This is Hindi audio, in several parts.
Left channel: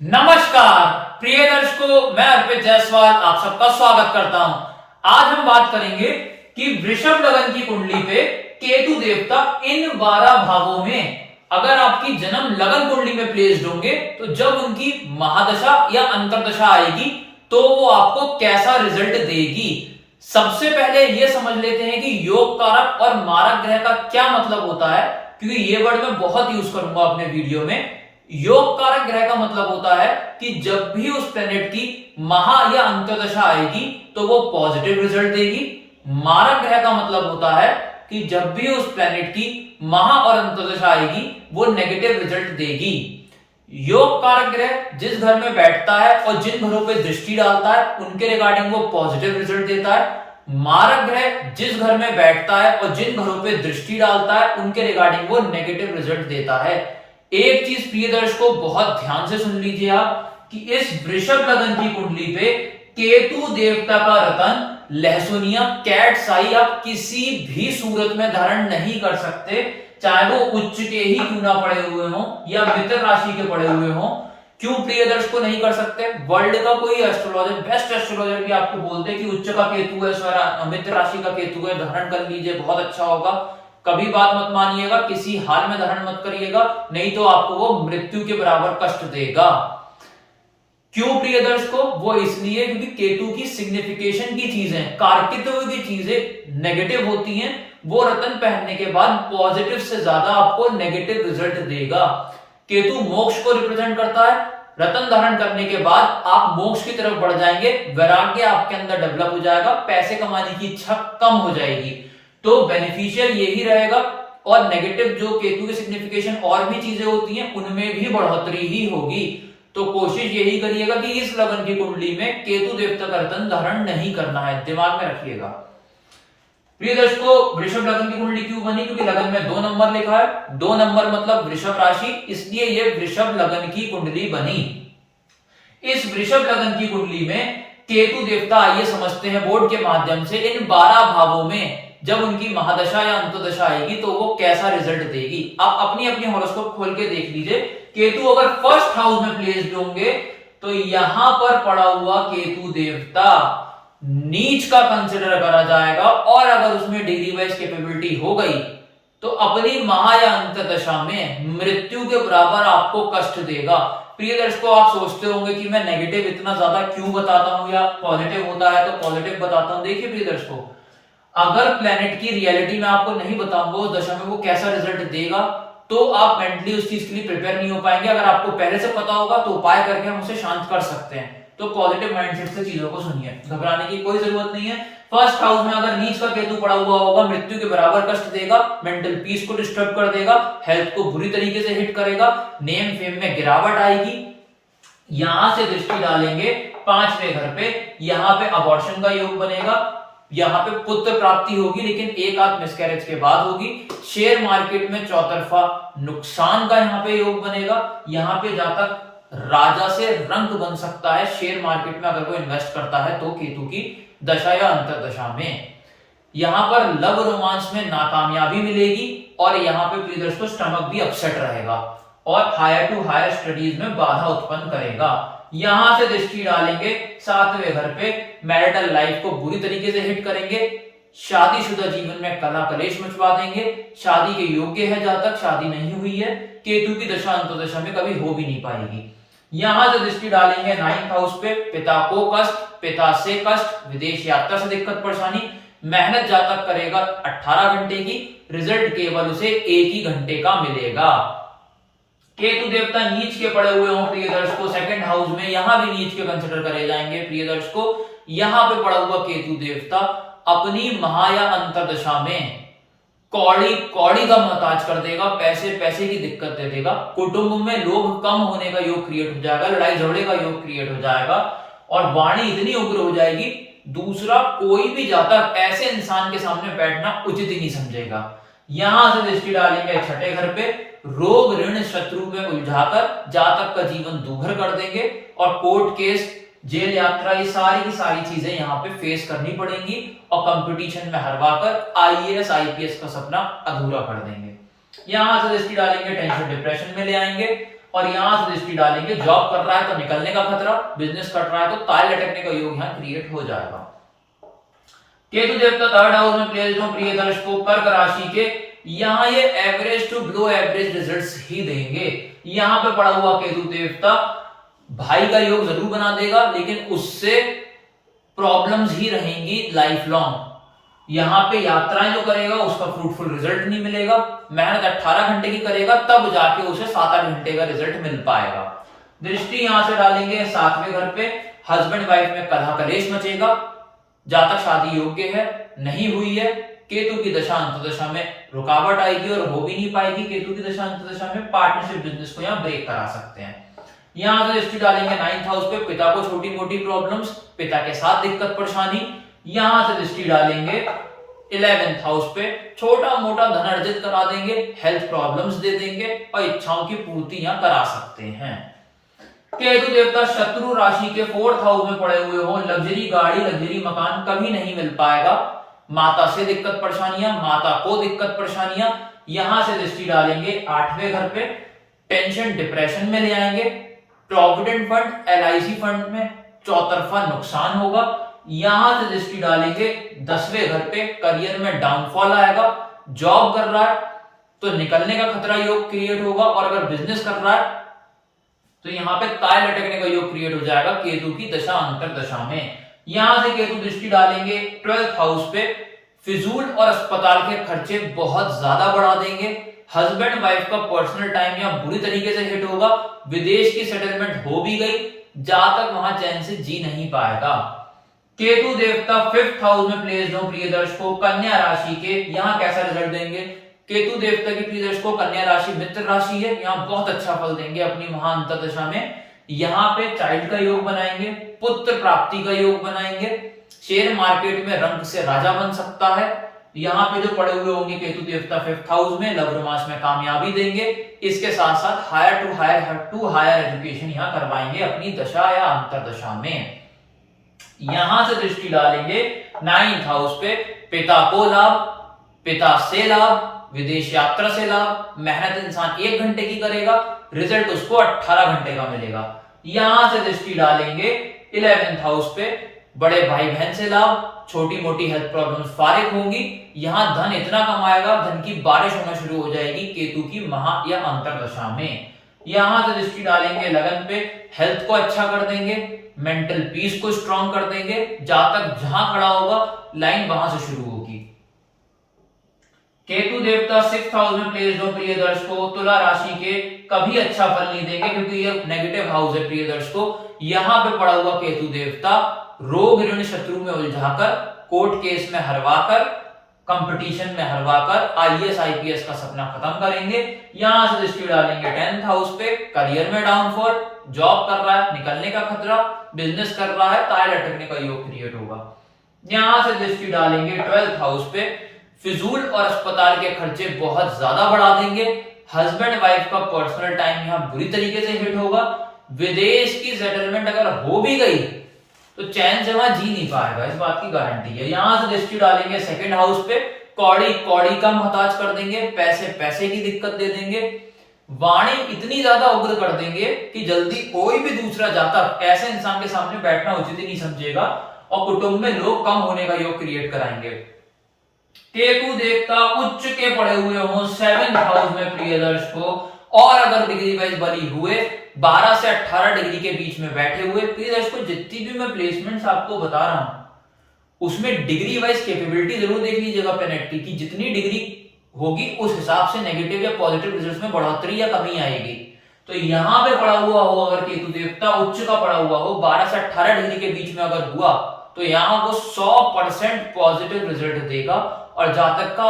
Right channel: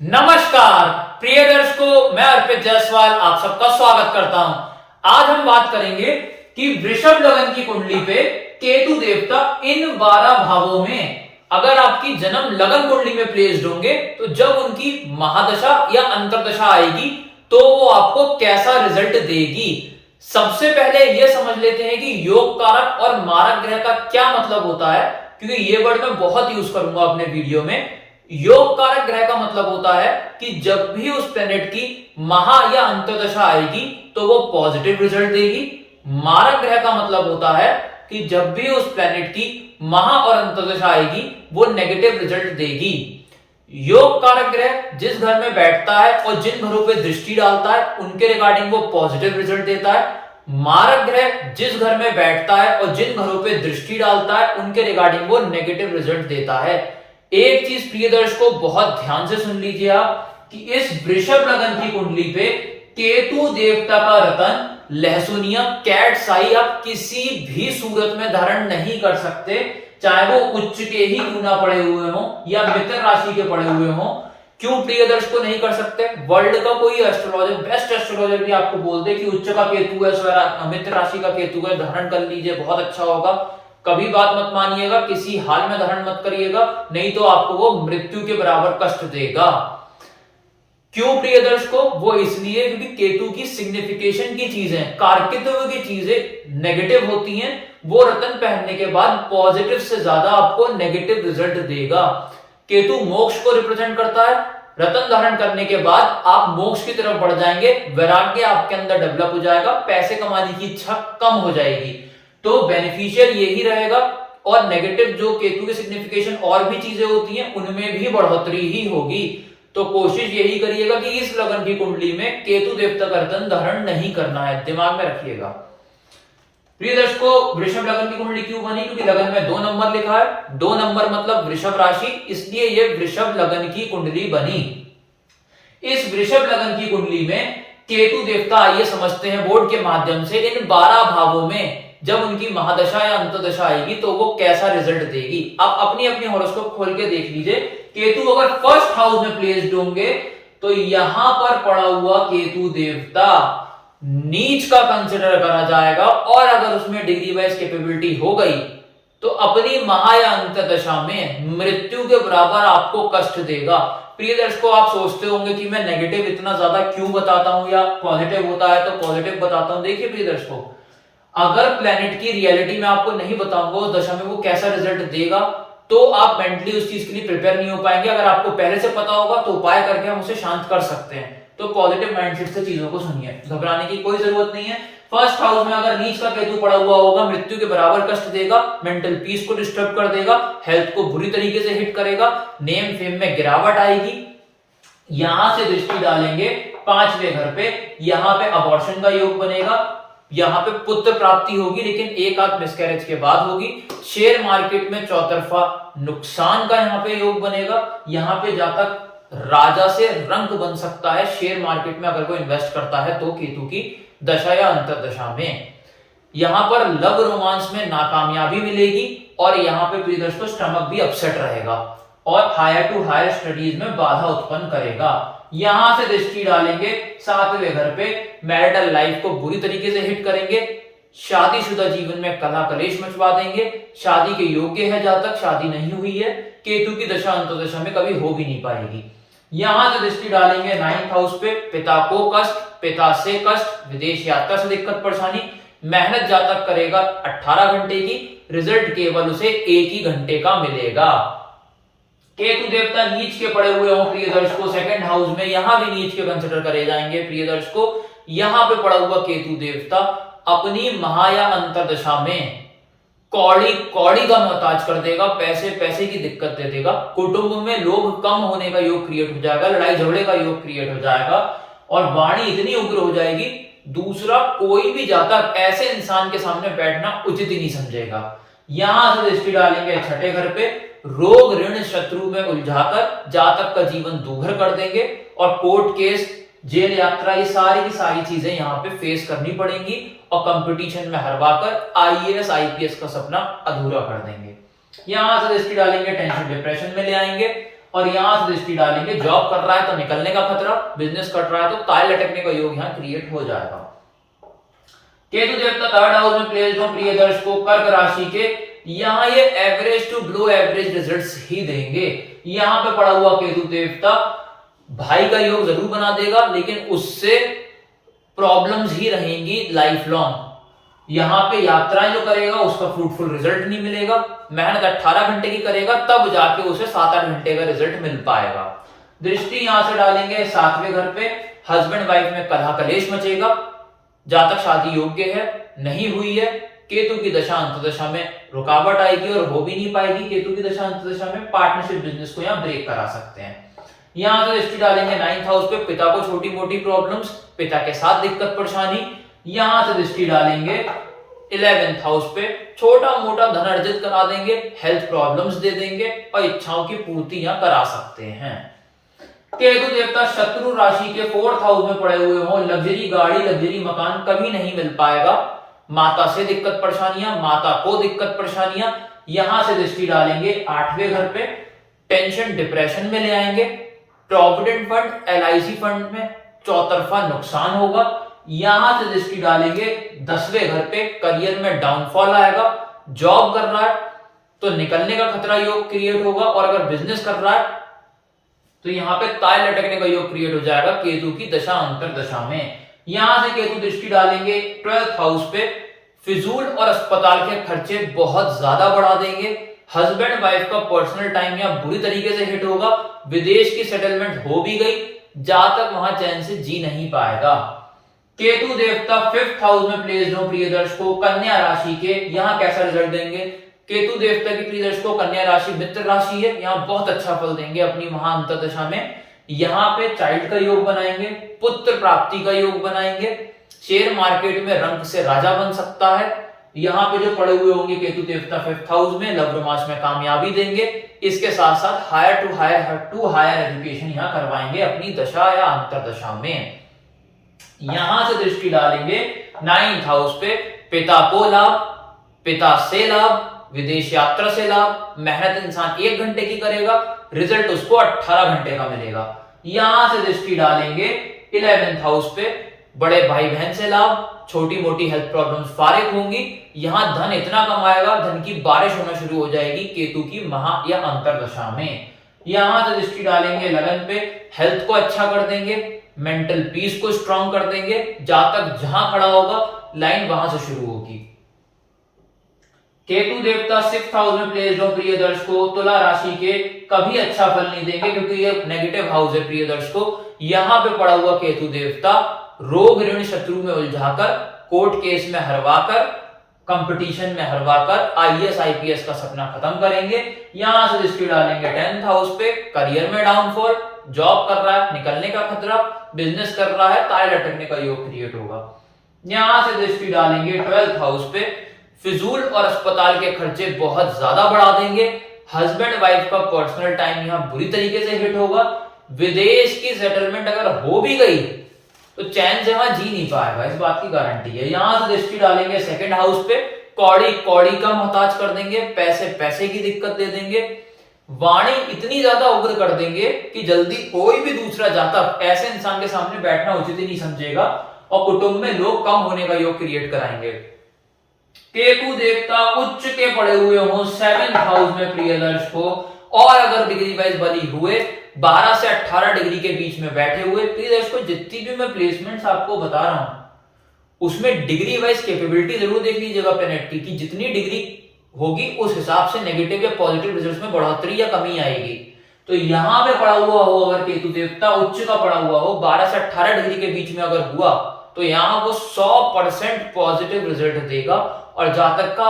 नमस्कार प्रिय दर्शकों, मैं अर्पित जायसवाल आप सबका स्वागत करता हूं। आज हम बात करेंगे कि वृषभ लगन की कुंडली पे केतु देवता इन 12 भावों में अगर आपकी जन्म लगन कुंडली में प्लेस्ड होंगे तो जब उनकी महादशा या अंतरदशा आएगी तो वो आपको कैसा रिजल्ट देगी। सबसे पहले यह समझ लेते हैं कि योग कारक और मारक ग्रह का क्या मतलब होता है, क्योंकि ये वर्ड मैं बहुत यूज करूंगा अपने वीडियो में। योग कारक ग्रह का मतलब होता है कि जब भी उस प्लेनेट की महा या अंतर्दशा आएगी तो वो पॉजिटिव रिजल्ट देगी। मारक ग्रह का मतलब होता है कि जब भी उस प्लेनेट की महा और अंतर्दशा आएगी वो नेगेटिव रिजल्ट देगी। योग कारक ग्रह जिस घर में बैठता है और जिन घरों पे दृष्टि डालता है उनके रिगार्डिंग वो पॉजिटिव रिजल्ट देता है। मारक ग्रह जिस घर में बैठता है और जिन घरों पे दृष्टि डालता है उनके रिगार्डिंग वो नेगेटिव रिजल्ट देता है। एक चीज प्रिय दर्शकों बहुत ध्यान से सुन लीजिए आप कि इस वृषभ लगन की कुंडली पे केतु देवता का रतन लहसुनिया कैट साई आप किसी भी सूरत में धारण नहीं कर सकते, चाहे वो उच्च के ही क्यों ना पड़े हुए हो या मित्र राशि के पड़े हुए हो। क्यों प्रिय दर्शकों नहीं कर सकते? वर्ल्ड का कोई एस्ट्रोलॉजर, बेस्ट एस्ट्रोलॉजर भी आपको बोल दे कि उच्च का केतु है, मित्र राशि का केतु है, धारण कर लीजिए बहुत अच्छा होगा। कभी बात मत मानिएगा, किसी हाल में धारण मत करिएगा, नहीं तो आपको वो मृत्यु के बराबर कष्ट देगा। क्यों प्रिय दर्शकों? वो इसलिए क्योंकि केतु की सिग्निफिकेशन की चीजें, कारकित्व की चीजें नेगेटिव होती हैं। वो रतन पहनने के बाद पॉजिटिव से ज्यादा आपको नेगेटिव रिजल्ट देगा। केतु मोक्ष को रिप्रेजेंट करता है। रतन धारण करने के बाद आप मोक्ष की तरफ बढ़ जाएंगे, वैराग्य आपके अंदर डेवलप हो जाएगा, पैसे कमाने की इच्छा कम हो जाएगी। तो बेनिफिशियल यही रहेगा। और नेगेटिव जो केतु की सिग्निफिकेशन और भी चीजें होती हैं उनमें भी बढ़ोतरी ही होगी। तो कोशिश यही करिएगा कि इस लगन की कुंडली में केतु देवता का रतन धारण नहीं करना है, दिमाग में रखिएगा। प्रिय दर्शकों, वृषभ लगन की कुंडली क्यों बनी? क्योंकि लगन में 2 नंबर लिखा है। 2 नंबर मतलब वृषभ राशि, इसलिए यह वृषभ लगन की कुंडली बनी। इस वृषभ लगन की कुंडली में केतु देवता, आइए समझते हैं बोर्ड के माध्यम से, इन 12 भावों में जब उनकी महादशा या अंतदशा आएगी तो वो कैसा रिजल्ट देगी। आप अपनी अपनी हॉरोस्कोप खोल के देख लीजिए। केतु अगर फर्स्ट हाउस में प्लेस्ड होंगे तो यहां पर पड़ा हुआ केतु देवता नीच का कंसिडर करा जाएगा, और अगर उसमें डिग्री वाइज कैपेबिलिटी हो गई तो अपनी महा या अंतदशा में मृत्यु के बराबर आपको कष्ट देगा। प्रिय दर्शकों, आप सोचते होंगे कि मैं नेगेटिव इतना ज्यादा क्यों बताता हूं या पॉजिटिव होता है तो पॉजिटिव बताता हूं। देखिए प्रिय दर्शकों, अगर प्लेनेट की रियलिटी में आपको नहीं बताऊंगा उस दशा में वो कैसा रिजल्ट देगा तो आप मेंटली उस चीज के लिए प्रिपेयर नहीं हो पाएंगे। अगर आपको पहले से पता होगा तो उपाय करके हम उसे शांत कर सकते हैं। तो पॉजिटिव माइंडसेट से चीजों को सुनिए, घबराने की कोई जरूरत नहीं है। फर्स्ट हाउस में अगर नीच का केतु पड़ा हुआ होगा मृत्यु के बराबर कष्ट देगा, मेंटल पीस को डिस्टर्ब कर देगा, हेल्थ को बुरी तरीके से हिट करेगा, नेम फेम में गिरावट आएगी। यहां से दृष्टि डालेंगे 5वें घर पे, यहां पे अबॉर्शन का योग बनेगा, यहां पे पुत्र प्राप्ति होगी लेकिन एक आध मिसकैरेज के बाद होगी। शेयर मार्केट में चौतरफा नुकसान का यहां पे योग बनेगा। यहां पे जातक राजा से रंक बन सकता है शेयर मार्केट में अगर वो इन्वेस्ट करता है तो केतु की दशा या अंतरदशा में। यहां पर लव रोमांस में नाकामयाबी मिलेगी और यहां पे प्रिय दर्शकों स्टमक भी अपसेट रहेगा और हायर टू हायर स्टडीज में बाधा उत्पन्न करेगा। यहां से दृष्टि डालेंगे 7वें घर पे, मैरिटल लाइफ को बुरी तरीके से हिट करेंगे, शादीशुदा जीवन में कलह कलेश मचवा देंगे। शादी के योग्य है जातक, शादी नहीं हुई है, केतु की दशा अंतदशा में कभी हो भी नहीं पाएगी। यहां से दृष्टि डालेंगे 9th हाउस पे, पिता को कष्ट, पिता से कष्ट, विदेश यात्रा से दिक्कत परेशानी। मेहनत जातक करेगा 18 घंटे की, रिजल्ट केवल उसे 1 ही घंटे का मिलेगा। केतु देवता नीच के पड़े हुए हों प्रिय दर्शकों 2nd हाउस में, यहां भी नीच के कंसिडर करे जाएंगे प्रिय दर्शकों। यहां पे पड़ा हुआ केतु देवता अपनी महा या अंतरदशा में कौड़ी कौड़ी का मोहताज कर देगा, पैसे पैसे की दिक्कत दे देगा, कुटुंब में लोग कम होने का योग क्रिएट हो जाएगा, लड़ाई झगड़े का योग क्रिएट हो जाएगा और वाणी इतनी उग्र हो जाएगी दूसरा कोई भी जातक ऐसे इंसान के सामने बैठना उचित ही नहीं समझेगा। यहां से दृष्टि डालेंगे 6ठे घर पे, रोग ऋण शत्रु में उलझाकर जातक का जीवन दूभर कर देंगे और कोर्ट केस, जेल यात्रा, ये सारी की सारी चीजें यहाँ पे फेस करनी पड़ेंगी और कंपटीशन में हरवाकर आईएएस आईपीएस का सपना अधूरा कर देंगे। यहां से दृष्टि डालेंगे टेंशन डिप्रेशन में ले आएंगे, और यहां से दृष्टि डालेंगे जॉब कर रहा है तो निकलने का खतरा, बिजनेस कर रहा है तो ताल लटकने का योग यहां क्रिएट हो जाएगा। केतु देवता थर्ड हाउस में प्लेस्ड हो प्रिय दर्शकों कर्क राशि के, यहां ये average to below average results ही देंगे। यहां पे पड़ा हुआ केतु देवता भाई का योग जरूर बना देगा, लेकिन उससे प्रॉब्लम्स ही रहेंगी लाइफ लॉन्ग। यहां पे यात्राएं जो करेगा उसका फ्रूटफुल रिजल्ट नहीं मिलेगा। मेहनत 18 घंटे की करेगा तब जाके उसे 7-8 घंटे का रिजल्ट मिल पाएगा। दृष्टि यहां से डालेंगे 7वें घर पे, हस्बैंड वाइफ में कलह कलेश मचेगा। जातक शादी योग्य है, नहीं हुई है, केतु की दशा अंतर्दशा में रुकावट आएगी और हो भी नहीं पाएगी। केतु की दशा अंतर्दशा में पार्टनरशिप बिजनेस को यहां ब्रेक करा सकते हैं। यहां से दृष्टि डालेंगे 9th हाउस पे, पिता को छोटी मोटी प्रॉब्लम्स, पिता के साथ दिक्कत परेशानी। यहां से दृष्टि डालेंगे 11th हाउस पे, छोटा मोटा धन अर्जित करा देंगे, हेल्थ प्रॉब्लम्स दे देंगे और इच्छाओं की पूर्ति यहां करा सकते हैं। केतु देवता शत्रु राशि के 4th हाउस में पड़े हुए हो, लग्जरी गाड़ी लग्जरी मकान कभी नहीं मिल पाएगा। माता से दिक्कत परेशानियां, माता को दिक्कत परेशानियां। यहां से दृष्टि डालेंगे 8वें घर पे, टेंशन डिप्रेशन में ले आएंगे। प्रोविडेंट फंड LIC फंड में चौतरफा नुकसान होगा। यहां से दृष्टि डालेंगे 10वें घर पे, करियर में डाउनफॉल आएगा। जॉब कर रहा है तो निकलने का खतरा योग क्रिएट होगा, और अगर बिजनेस कर रहा है तो यहां पे ताल लटकने का योग क्रिएट हो जाएगा केतु की दशा अंतर्दशा में। यहां से केतु दृष्टि डालेंगे 12th हाउस पे, फिजूल और अस्पताल के खर्चे बहुत ज्यादा बढ़ा देंगे। हस्बैंड वाइफ का पर्सनल टाइम यहां बुरी तरीके से हिट होगा। विदेश की सेटलमेंट हो भी गई, जातक वहां चैन से जी नहीं पाएगा। केतु देवता 5th हाउस में प्लेस्ड हो प्रिय दर्शकों कन्या राशि के, यहां कैसा रिजल्ट देंगे? केतु देवता की प्रिय दर्शकों कन्या राशि मित्र राशि है, यहां बहुत अच्छा फल देंगे अपनी महा अंतर्दशा में। यहां पे चाइल्ड का योग बनाएंगे, पुत्र प्राप्ति का योग बनाएंगे, शेयर मार्केट में रंग से राजा बन सकता है। यहां पे जो पड़े हुए होंगे केतु देवता 5th हाउस में, लव रोमांस में कामयाबी देंगे। इसके साथ साथ हायर टू हायर एजुकेशन यहां करवाएंगे अपनी दशा या अंतर्दशा में। यहां से दृष्टि डालेंगे 9th हाउस पे, पिता को लाभ, पिता से लाभ, विदेश यात्रा से लाभ। मेहनत इंसान 1 घंटे की करेगा, रिजल्ट उसको 18 घंटे का मिलेगा। यहां से दृष्टि डालेंगे 11th हाउस पे, बड़े भाई बहन से लाभ, छोटी मोटी हेल्थ प्रॉब्लम्स फारिग होंगी। यहां धन इतना कमाएगा, धन की बारिश होना शुरू हो जाएगी केतु की महा या अंतर्दशा में। यहां से दृष्टि डालेंगे लगन पे, हेल्थ को अच्छा कर देंगे, मेंटल पीस को स्ट्रांग कर देंगे। जातक जहां खड़ा होगा लाइन वहां से शुरू होगी। केतु देवता 6th हाउस में प्लेस्ड हो प्रिय दर्शकों तुला राशि के, कभी अच्छा फल नहीं देंगे क्योंकि ये नेगेटिव हाउस है प्रिय दर्शकों। यहां पे पड़ा हुआ केतु देवता रोग ऋण शत्रु में उलझाकर, कोर्ट केस में हरवाकर, कंपटीशन में हरवाकर IAS IPS का सपना खत्म करेंगे। यहां से दृष्टि डालेंगे 10th हाउस पे, करियर में डाउनफॉल, जॉब कर रहा है निकलने का खतरा, बिजनेस कर रहा है ताल लटकने का योग क्रिएट होगा। यहां से दृष्टि डालेंगे 12th हाउस पे, फिजूल और अस्पताल के खर्चे बहुत ज्यादा बढ़ा देंगे। हस्बैंड वाइफ का पर्सनल टाइम यहां बुरी तरीके से हिट होगा। विदेश की सेटलमेंट अगर हो भी गई तो चैन से वहां जी नहीं पाएगा, इस बात की गारंटी है। यहां से दृष्टि डालेंगे 2nd हाउस पे, कौड़ी कौड़ी का मोहताज कर देंगे, पैसे पैसे की दिक्कत दे देंगे। वाणी इतनी ज्यादा उग्र कर देंगे कि जल्दी कोई भी दूसरा जातक ऐसे इंसान के सामने बैठना उचित ही नहीं समझेगा, और कुटुंब में लोग कम होने का योग क्रिएट कराएंगे। केतु देवता उच्च के पड़े हुए हो 7th हाउस में प्रिय दर्शकों, और अगर डिग्री वाइज बली हुए 12 से 18 डिग्री के बीच में बैठे हुए प्रिय दर्शकों, जितनी भी मैं प्लेसमेंट्स आपको बता रहा हूं उसमें डिग्री वाइज कैपेबिलिटी जरूर देख लीजिएगा प्लैनेट की, कि जितनी डिग्री होगी उस हिसाब से नेगेटिव या पॉजिटिव रिजल्ट्स में बढ़ोतरी या कमी आएगी। तो यहां पे पड़ा हुआ हो अगर केतु देवता उच्च का पड़ा हुआ हो 12 से 18 डिग्री के बीच में अगर हुआ तो यहां वो 100% पॉजिटिव रिजल्ट देगा, और जातक का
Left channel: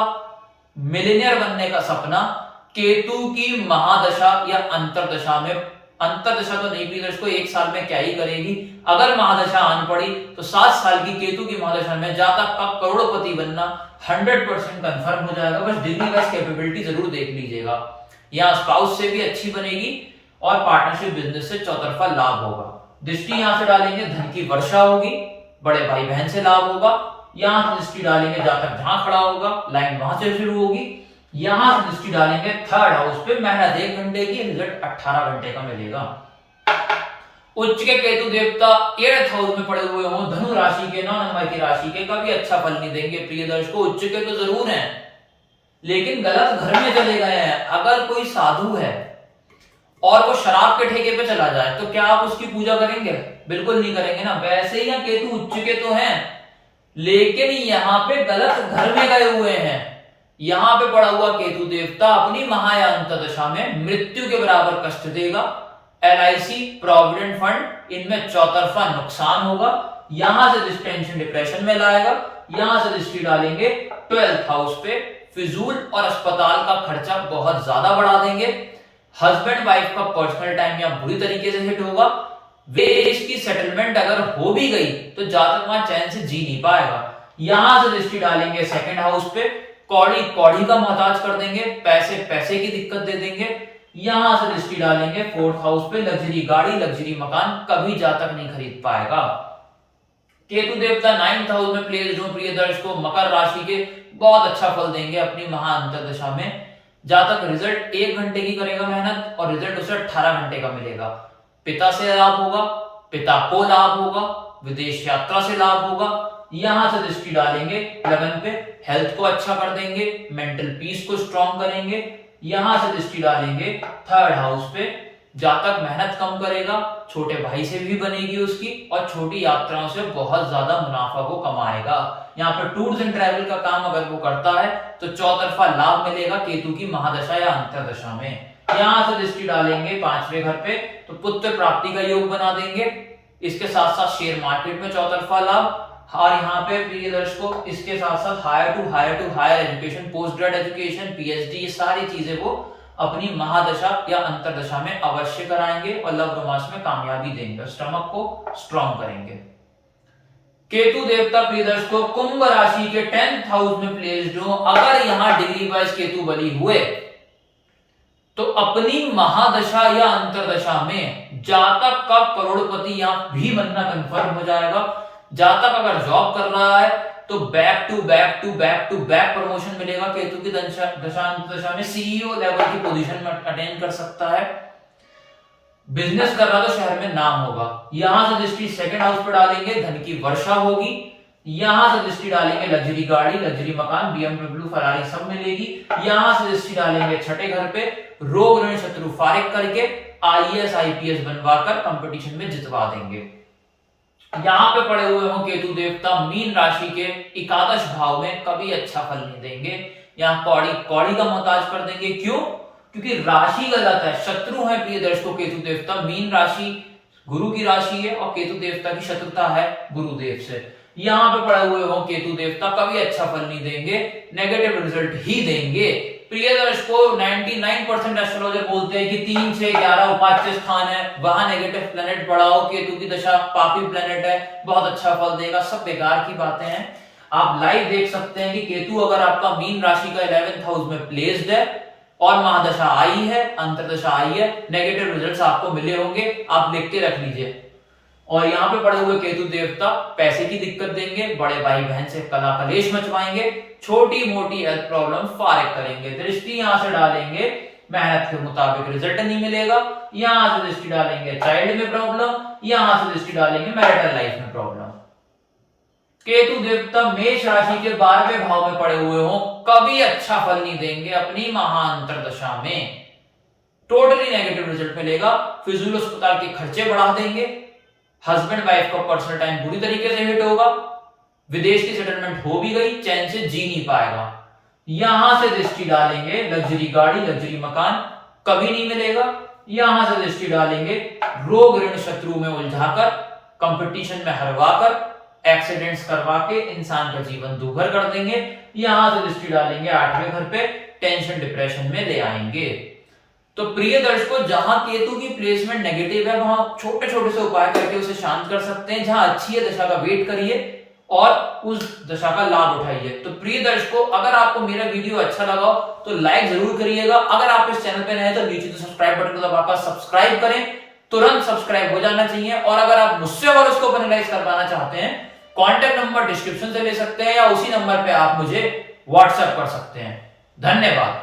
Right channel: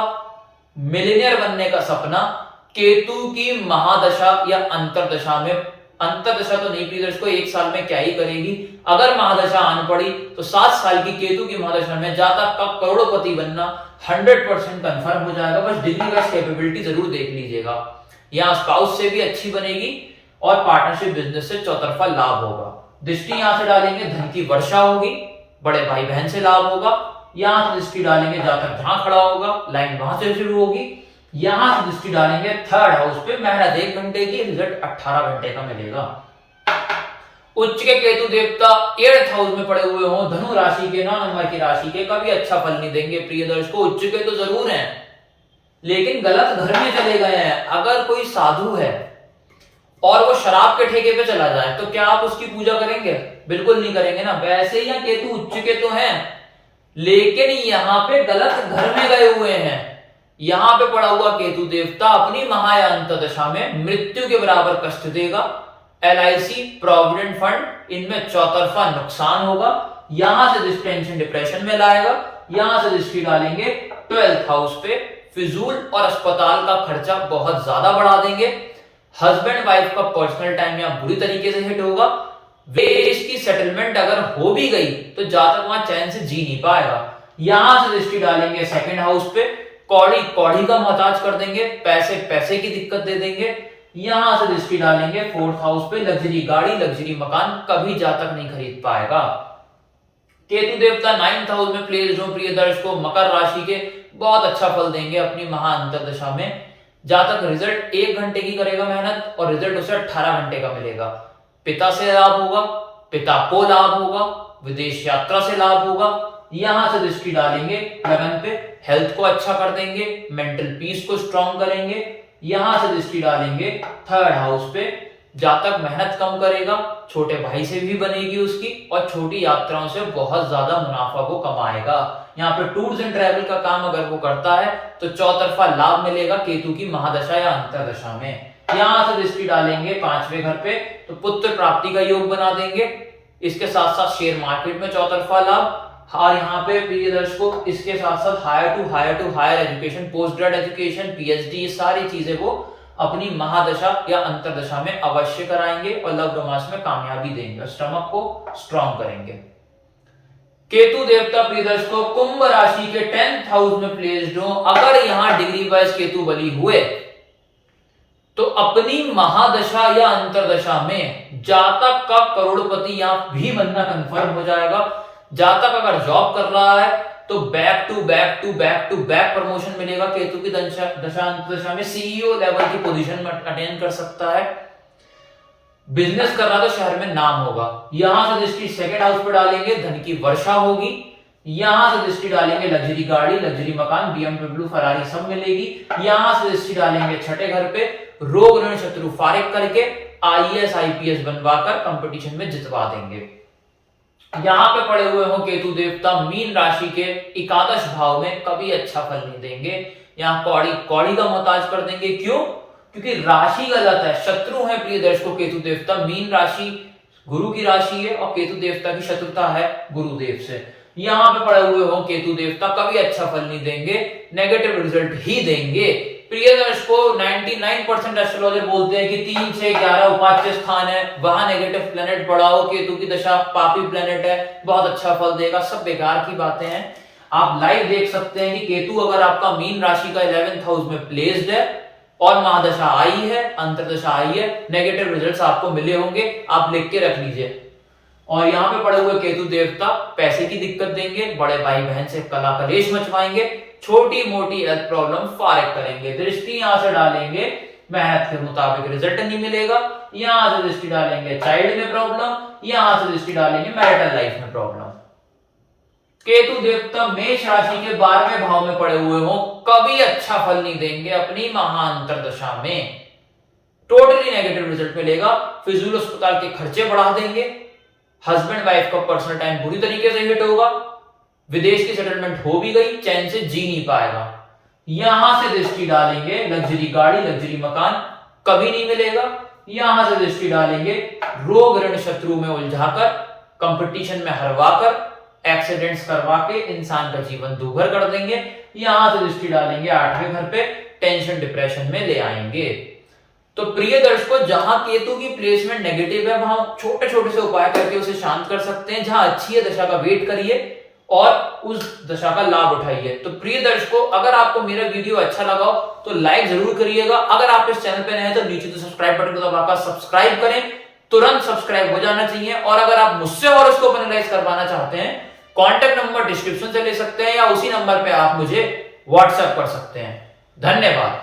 मिलियनियर बनने का सपना केतु की महादशा या अंतर्दशा में, अंतर्दशा तो नहीं प्रिय दर्शकों 1 साल में क्या ही करेगी, अगर महादशा आन पड़ी तो 7 साल की केतु की महादशा में जातक का करोड़पति बनना 100% कंफर्म हो जाएगा। बस डिग्री वाइज कैपेबिलिटी जरूर देख लीजिएगा। यहाँ स्पाउस से भी अच्छी बनेगी और पार्टनरशिप बिजनेस से चौतरफा लाभ होगा। दृष्टि यहां से डालेंगे धन की वर्षा होगी, बड़े भाई बहन से लाभ होगा। यहां से दृष्टि डालेंगे जातक जहां खड़ा होगा लाइन वहां से शुरू होगी। यहां से दृष्टि डालेंगे थर्ड हाउस पे, मेहनत 1 घंटे की, रिजल्ट 18 घंटे का मिलेगा। उच्च के केतु देवता 8th हाउस में पड़े हुए हों, धनु राशि के, 9 नंबर की राशि के, कभी अच्छा फल नहीं देंगे। प्रिय दर्शकों, उच्च के तो जरूर हैं लेकिन गलत घर में चले गए हैं। अगर कोई साधु है और वो शराब के ठेके पे चला जाए तो क्या आप उसकी पूजा करेंगे? बिल्कुल नहीं करेंगे ना। वैसे ही यहाँ केतु उच्च के तो हैं लेकिन यहाँ पे गलत घर में गए हुए हैं। यहाँ पे पड़ा हुआ केतु देवता अपनी महा या अंतर्दशा में मृत्यु के बराबर कष्ट देगा। LIC, प्रोविडेंट फंड, इनमें चौतरफा नुकसान होगा। यहां से टेंशन डिप्रेशन में लाएगा। यहां से दृष्टि डालेंगे 12th हाउस पे, फिजूल और अस्पताल का खर्चा बहुत ज्यादा बढ़ा देंगे। हस्बैंड वाइफ का पर्सनल टाइम यहां बुरी तरीके से हिट होगा। देश की सेटलमेंट अगर हो भी गई तो जातक वहां चैन से जी नहीं पाएगा। यहां से दृष्टि डालेंगे 2nd हाउस पे, कौड़ी कौड़ी का मोहताज कर देंगे, पैसे पैसे की दिक्कत दे देंगे। यहां से दृष्टि डालेंगे 4th हाउस पे, लग्जरी गाड़ी, लग्जरी मकान कभी जातक नहीं खरीद पाएगा। केतु देवता 9th हाउस में प्लेस्ड हो प्रिय दर्शकों, मकर राशि के, बहुत अच्छा फल देंगे अपनी महा अंतर्दशा में। जातक रिजल्ट 1 घंटे की करेगा मेहनत और रिजल्ट उसे 18 घंटे का मिलेगा। पिता से लाभ होगा, पिता को लाभ होगा, विदेश यात्रा से लाभ होगा। यहां से दृष्टि डालेंगे लगन पे, हेल्थ को अच्छा कर देंगे, मेंटल पीस को स्ट्रॉन्ग करेंगे। यहां से दृष्टि डालेंगे 3rd हाउस पे, जातक मेहनत कम करेगा, छोटे भाई से भी बनेगी उसकी और छोटी यात्राओं से बहुत ज्यादा मुनाफा को कमाएगा। यहाँ पे टूर्स एंड ट्रैवल का काम अगर वो करता है तो चौतरफा लाभ मिलेगा केतु की महादशा या अंतरदशा में। यहां से दृष्टि डालेंगे 5वें घर पे तो पुत्र प्राप्ति का योग बना देंगे। इसके साथ साथ शेयर मार्केट में चौतरफा लाभ, और यहाँ पे प्रिय दर्शकों इसके साथ साथ higher to higher education, post grade education, PhD, ये सारी चीजें वो अपनी महादशा या अंतरदशा में अवश्य कराएंगे और लव रोमांस में कामयाबी देंगे, स्टमक को स्ट्रॉन्ग करेंगे। केतु देवता प्रिय दर्शकों कुंभ राशि के 10th हाउस में प्लेस्ड हो, अगर यहां डिग्री वाइज केतु बली हुए तो अपनी महादशा या अंतरदशा में जातक का करोड़पति यहां भी बनना कंफर्म हो जाएगा। जातक अगर जॉब कर रहा है तो बैक टू बैक प्रमोशन मिलेगा। केतु की दशा अंतरदशा में CEO लेवल की पोजीशन में अटेन कर सकता है। बिजनेस कर रहा तो शहर में नाम होगा। यहां से दृष्टि 2nd हाउस पर डालेंगे, धन की वर्षा होगी। यहां से दृष्टि डालेंगे लग्जरी गाड़ी, लग्जरी मकान, BMW, फरारी सब मिलेगी। यहां से दृष्टि डालेंगे 6ठे घर पे, रोग ऋण शत्रु फारिग करके IAS IPS बनवाकर कंपटीशन में जितवा देंगे। यहां पे पड़े हुए हो केतु देवता मीन राशि के 11 भाव में, कभी अच्छा फल नहीं देंगे। यहाँ कौड़ी कौड़ी का मोहताज कर देंगे। क्यों? क्योंकि राशि गलत है, शत्रु है प्रिय दर्शकों केतु देवता। मीन राशि गुरु की राशि है और केतु देवता की शत्रुता है गुरुदेव से। यहाँ पे पड़े हुए हो केतु देवता, कभी अच्छा फल नहीं देंगे, नेगेटिव रिजल्ट ही देंगे। प्रिय दर्शकों 99% एस्ट्रोलॉजर बोलते हैं कि 3, 6, 11 उपाच्य स्थान है, वहां नेगेटिव प्लेनेट पड़ा हो, केतु की दशा पापी प्लेनेट है, बहुत अच्छा फल देगा। सब बेकार की बातें हैं। आप लाइव देख सकते हैं कि केतु अगर आपका मीन राशि का 11th हाउस में प्लेस्ड है और महादशा आई है, अंतरदशा आई है, नेगेटिव रिजल्ट्स आपको मिले होंगे, आप लिख के रख लीजिए। और यहाँ पे पड़े हुए केतु देवता पैसे की दिक्कत देंगे, बड़े भाई बहन से कला कलेश मचवाएंगे, छोटी मोटी हेल्थ प्रॉब्लम फारिग करेंगे। दृष्टि यहां से डालेंगे मेहनत के मुताबिक रिजल्ट नहीं मिलेगा। यहां से दृष्टि डालेंगे चाइल्ड में प्रॉब्लम, यहां से दृष्टि डालेंगे मैरिटल लाइफ में प्रॉब्लम। केतु देवता मेष राशि के 12वें भाव में पड़े हुए हो, कभी अच्छा फल नहीं देंगे अपनी महाअंतरदशा में, टोटली नेगेटिव रिजल्ट मिलेगा। फिजूल अस्पताल के खर्चे बढ़ा देंगे। हस्बैंड वाइफ का पर्सनल टाइम बुरी तरीके से हिट होगा। विदेश की सेटलमेंट हो भी गई, चैन से जी नहीं पाएगा। यहां से दृष्टि डालेंगे लग्जरी गाड़ी, लग्जरी मकान कभी नहीं मिलेगा। यहां से दृष्टि डालेंगे रोग ऋण शत्रु में उलझाकर, कंपटीशन में हरवाकर, एक्सीडेंट्स करवा के इंसान का जीवन दूभर कर देंगे। यहां से दृष्टि डालेंगे 8वें घर पे, टेंशन डिप्रेशन में ले आएंगे। तो प्रिय दर्शकों जहां केतु की प्लेसमेंट नेगेटिव है वहां छोटे छोटे से उपाय करके उसे शांत कर सकते हैं। जहां अच्छी है दशा का वेट करिए और उस दशा का लाभ उठाइए। तो प्रिय दर्शकों अगर आपको मेरा वीडियो अच्छा लगा हो तो लाइक जरूर करिएगा। अगर आप इस चैनल पे नए हैं तो नीचे तो सब्सक्राइब बटन को दबाकर सब्सक्राइब करें, तुरंत सब्सक्राइब हो जाना चाहिए। और अगर आप मुझसे हॉरोस्कोप एनालाइज करवाना चाहते हैं, कॉन्टैक्ट नंबर डिस्क्रिप्शन से ले सकते हैं या उसी नंबर पे आप मुझे व्हाट्सएप कर सकते हैं। धन्यवाद।